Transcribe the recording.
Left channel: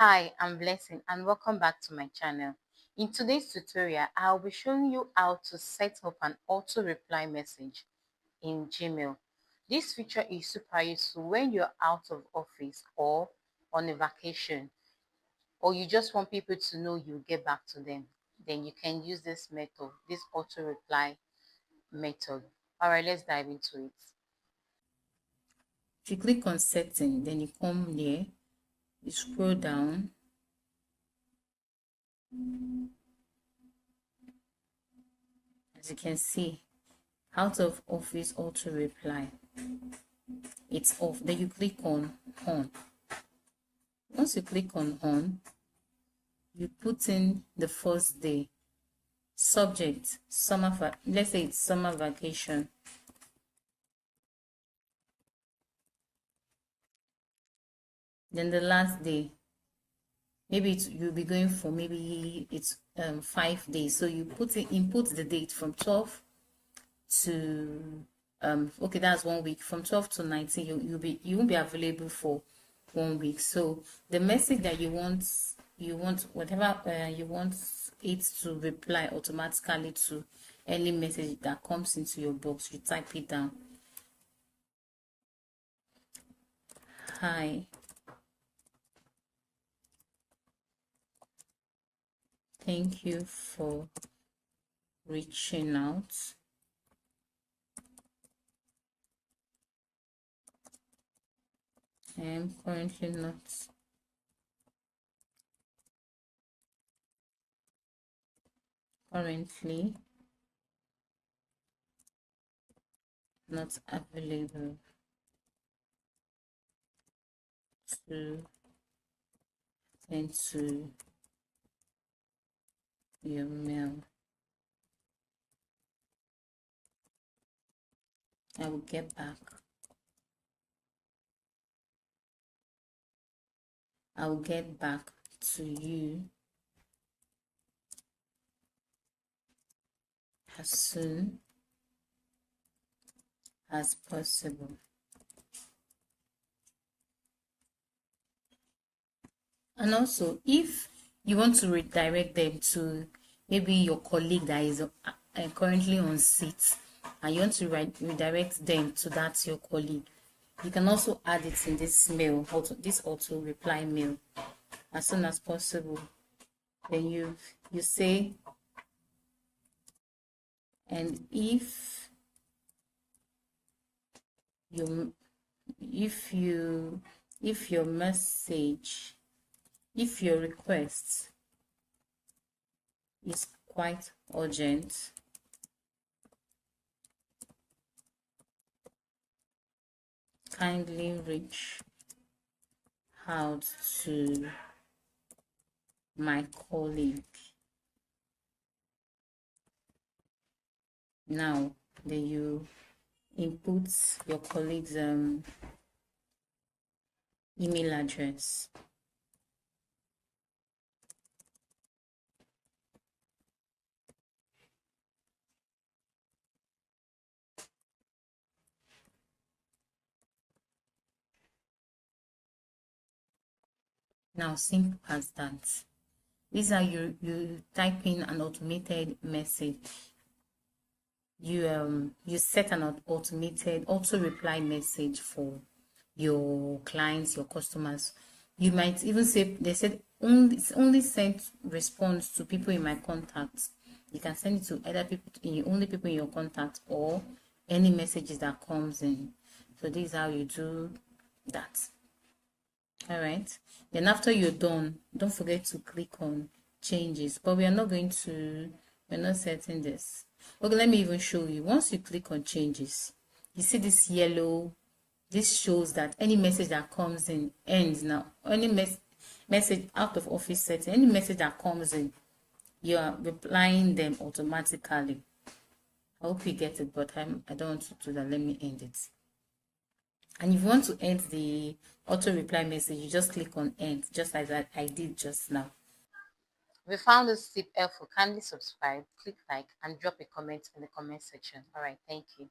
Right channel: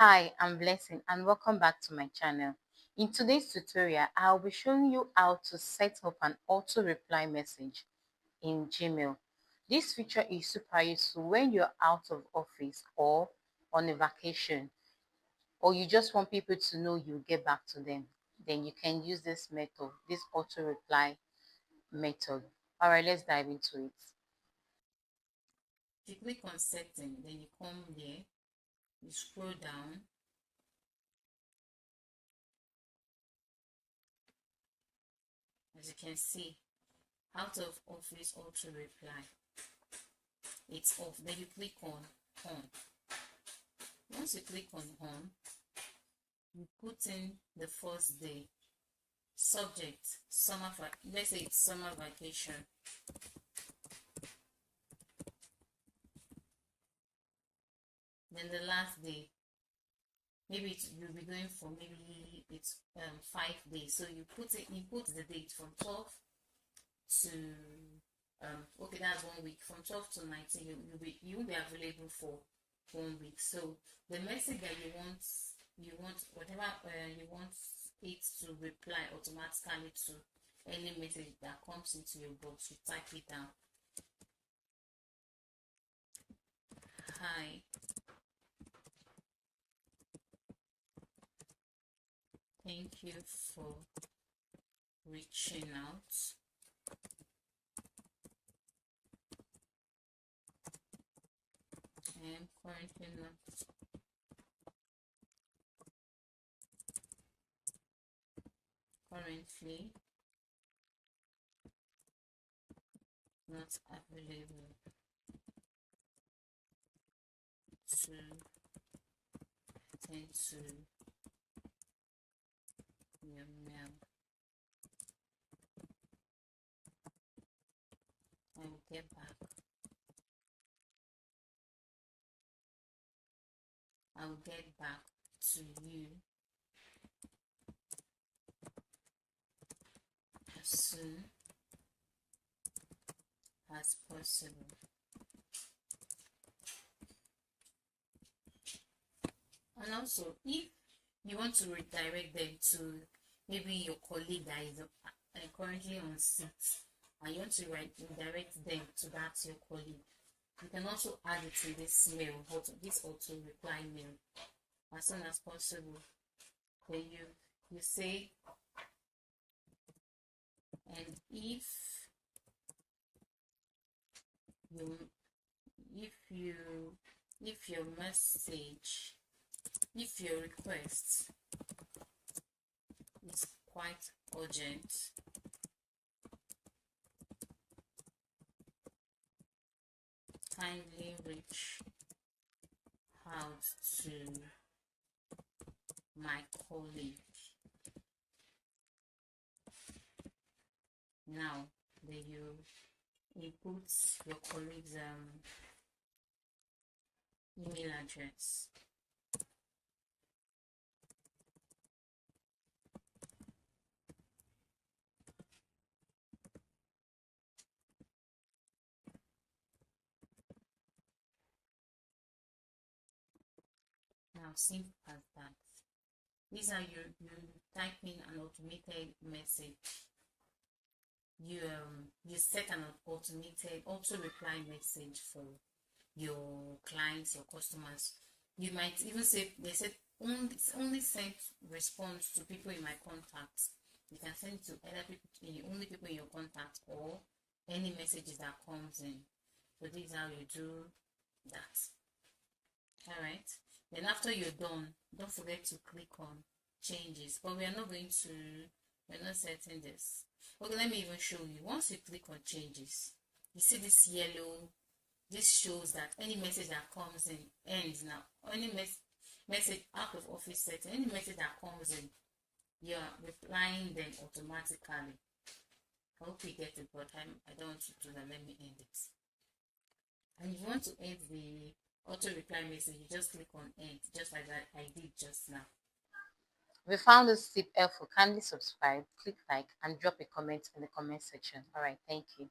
Hi, I'm Blessing and welcome back to my channel. In today's tutorial, I'll be showing you how to set up an auto reply message in Gmail. This feature is super useful when you're out of office or on a vacation, or you just want people to know you get back to them. Then you can use this method, this auto reply method. All right, let's dive into it. If you click on setting, then you come here, you scroll down. As you can see, out of office auto reply, it's off. Then you click on on. Once you click on on, you put in the first day, subject summer, let's say it's summer vacation. Then the last day, maybe you'll be going for, maybe it's 5 days, so you input the date from 12 to okay, that's 1 week. From 12 to 19, you won't be available for 1 week. So the message that you want whatever you want it to reply automatically to any message that comes into your box, you type it down. Hi, thank you for reaching out. I am currently not available to send to your mail. I will get back. I will get back to you as soon as possible. And also, if you want to redirect them to maybe your colleague that is currently on seat, and you want to redirect them to that your colleague, you can also add it in this mail, this auto reply mail, as soon as possible. Then you say, and if your message, if your request is quite urgent, kindly reach out to my colleague now. Then you input your colleague's email address. Now, simple as that. These are you type in an automated message. You set an automated auto reply message for your clients, your customers. You might even say, they said only send response to people in my contacts. You can send it to either only people in your contact, or any messages that comes in. So this is how you do that. All right, then after you're done, don't forget to click on changes, but we're not setting this. Okay, let me even show you. Once you click on changes, you see this yellow, this shows that any message that comes in ends now. Any message out of office setting, any message that comes in, you are replying them automatically. I hope you get it, but I don't want to do that. Let me end it. And if you want to end the auto reply message, you just click on end, just like that I did just now. If you found this tip helpful, kindly subscribe, click like, and drop a comment in the comment section. All right, thank you.